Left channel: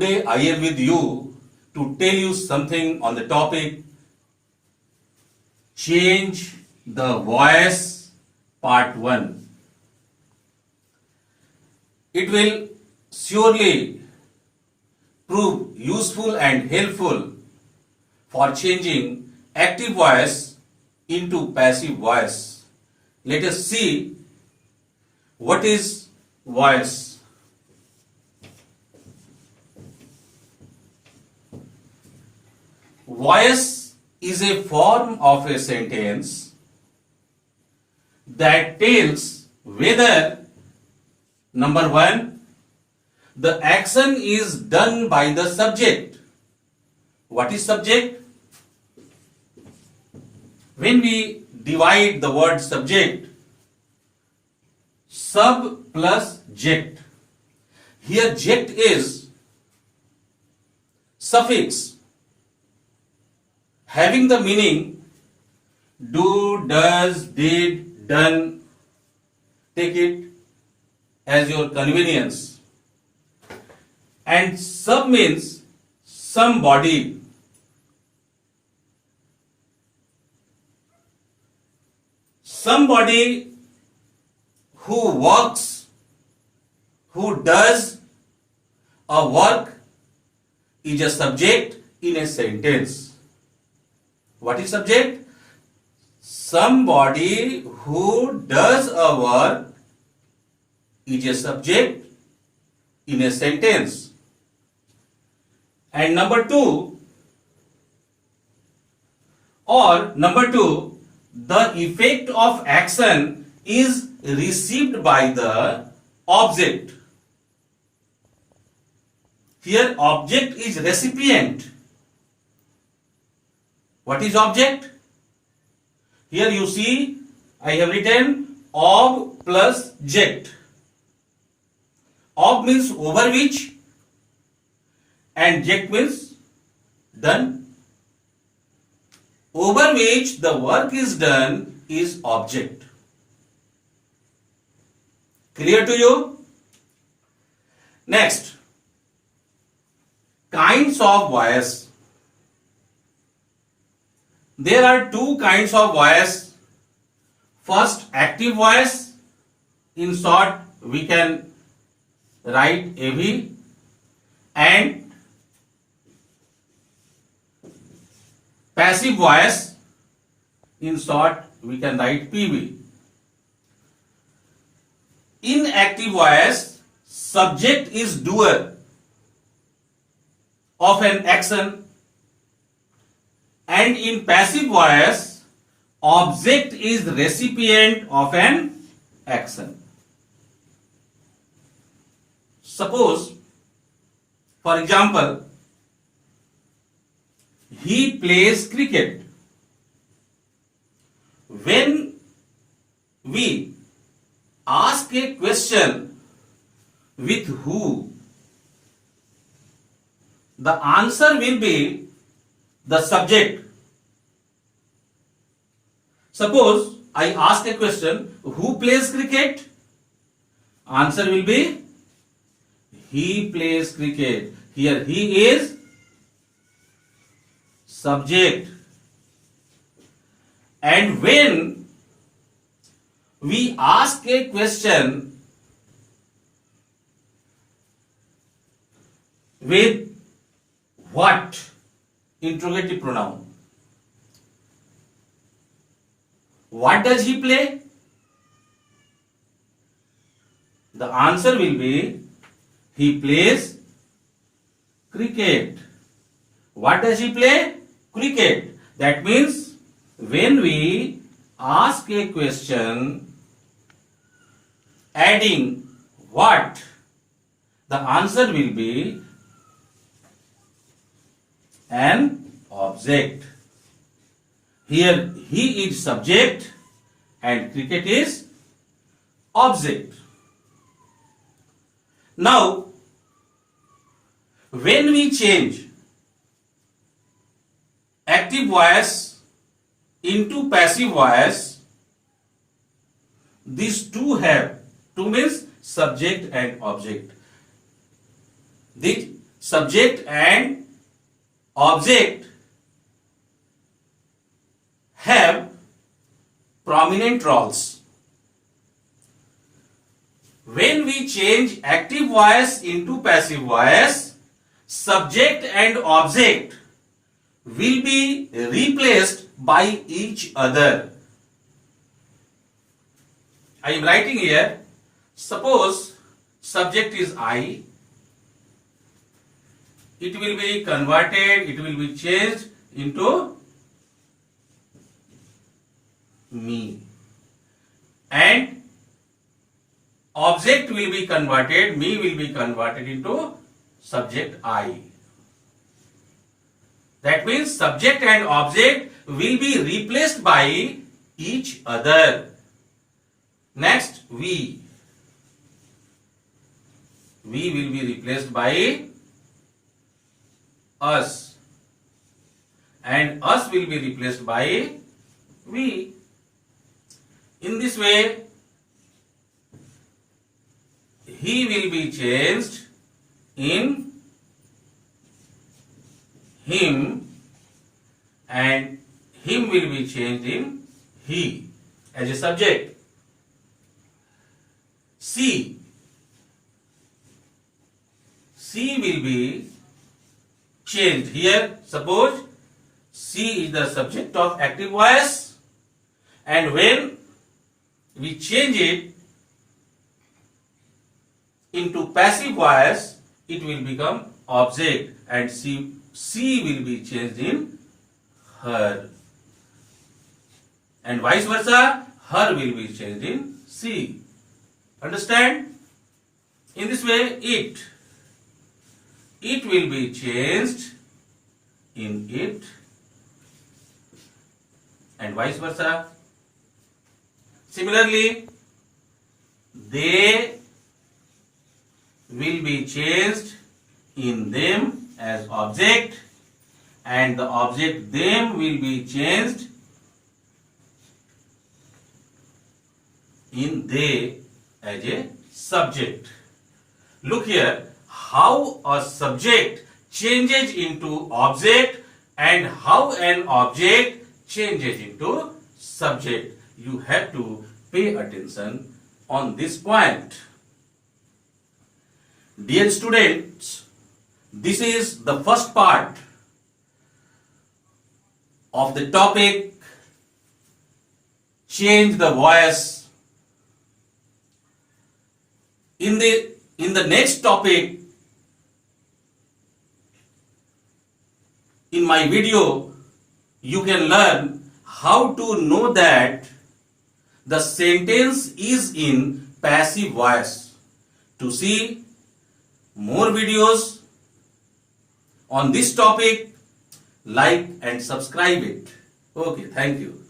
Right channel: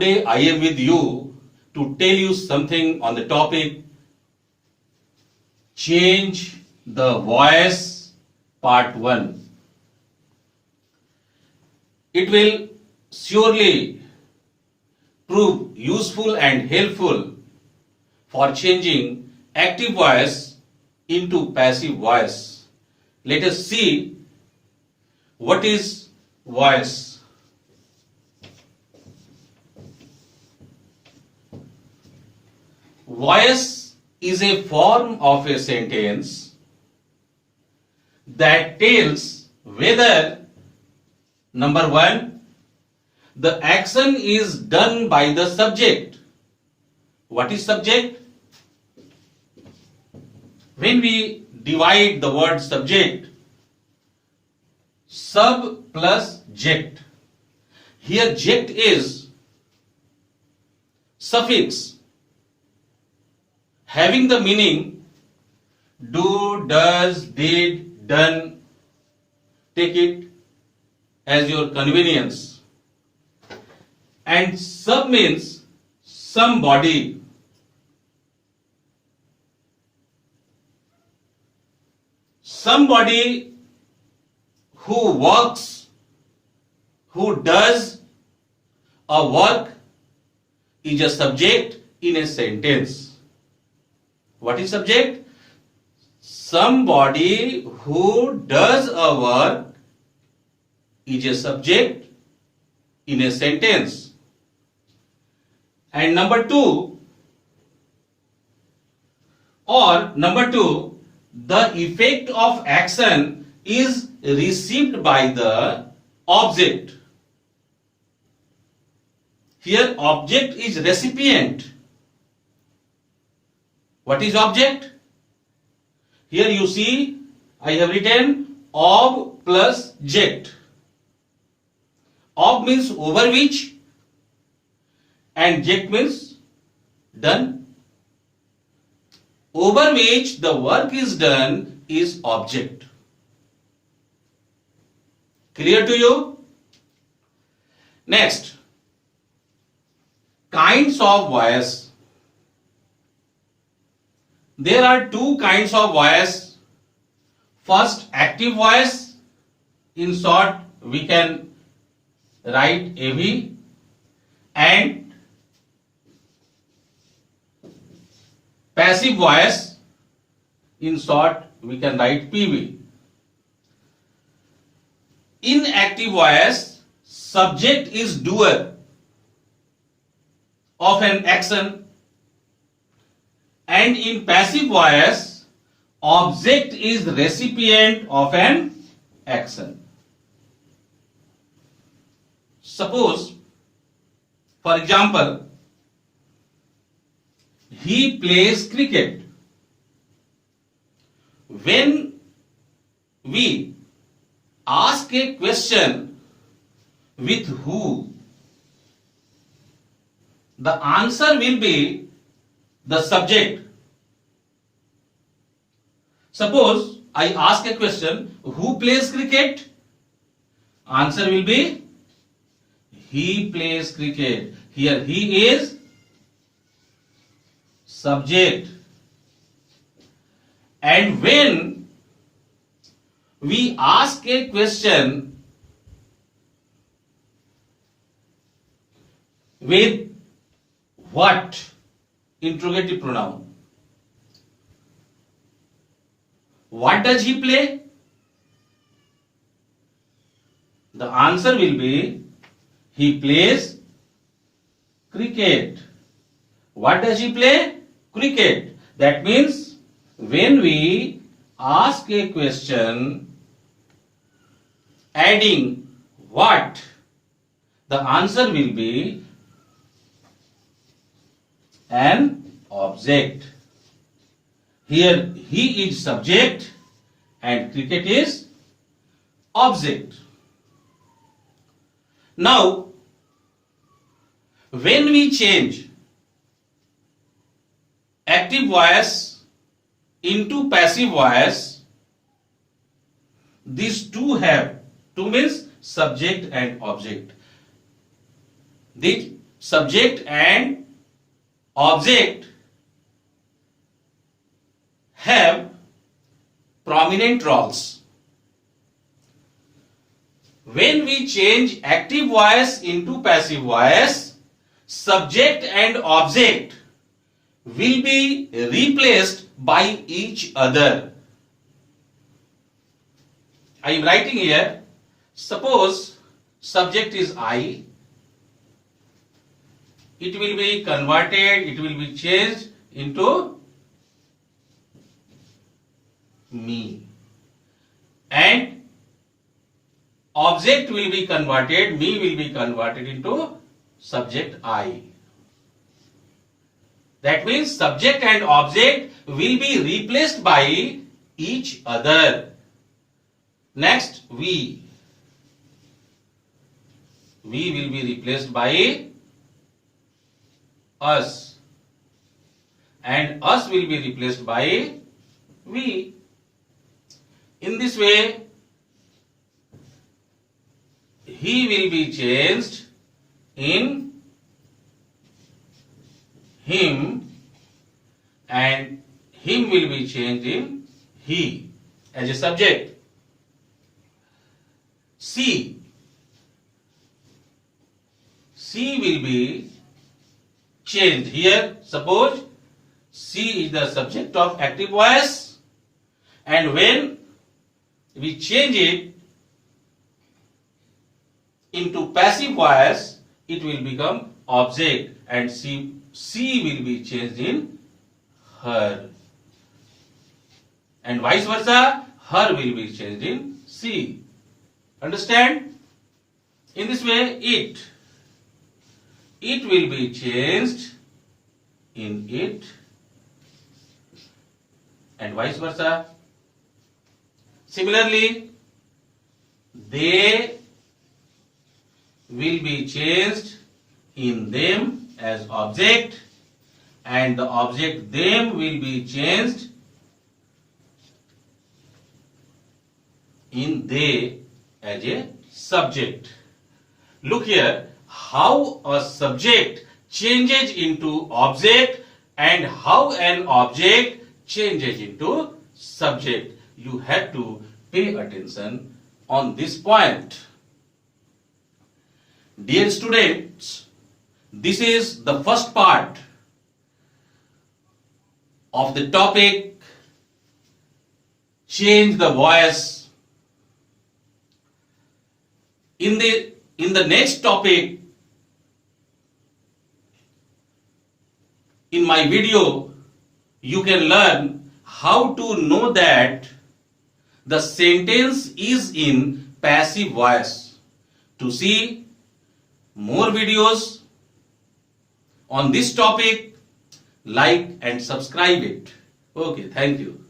Today I am with you to tell you something on the topic Change the Voice Part 1. It will surely prove useful and helpful for changing active voice into passive voice. Let us see what is voice. Voice is a form of a sentence that tells whether number 1, the action is done by the subject. What is subject? When we divide the word subject, sub plus ject. Here ject is suffix having the meaning do, does, did, done. Take it as your convenience. And sub means somebody. Somebody who works, who does a work is a subject in a sentence. What is subject? Somebody who does a work is a subject in a sentence. And number 2, the effect of action is received by the object. Here object is recipient. What is object? Here you see I have written ob plus ject. Ob means over which and ject means done. Over which the work is done is object. Clear to you? Next, kinds of voice. There are 2 kinds of voice. First, active voice. In short, we can write AV. And passive voice. In short, we can write PV. In active voice, subject is doer of an action. And in passive voice, object is recipient of an action. Suppose, for example, he plays cricket. When we ask a question with who, the answer will be the subject. Suppose I ask a question, who plays cricket? Answer will be he plays cricket. Here he is subject. And when we ask a question with what? Interrogative pronoun. What does he play? The answer will be he plays cricket. What does he play? Cricket. That means when we ask a question adding what, the answer will be an object. Here he is subject and cricket is object. Now, when we change active voice into passive voice, these two have, two means subject and object. subject and object have prominent roles. When we change active voice into passive voice, subject and object will be replaced by each other. I am writing here, suppose subject is I, it will be converted, it will be changed into me, and object will be converted, me will be converted into subject I. That means subject and object will be replaced by each other. Next, we will be replaced by us, and us will be replaced by we. In this way, he will be changed in him, and him will be changed in he as a subject. C will be changed. Here, suppose C is the subject of active voice, and when we change it into passive voice, it will become object, and C will be changed in her, and vice versa, her will be changed in C. Understand? In this way, it will be changed in it, and vice versa. Similarly, they will be changed in them as object, and the object them will be changed in they as a subject. Look here, how a subject changes into object and how an object changes into subject. You have to pay attention on this point. Dear students, this is the first part of the topic, change the voice. In the next topic, in my video, you can learn how to know that the sentence is in passive voice. To see more videos on this topic, like and subscribe it. Okay, thank you.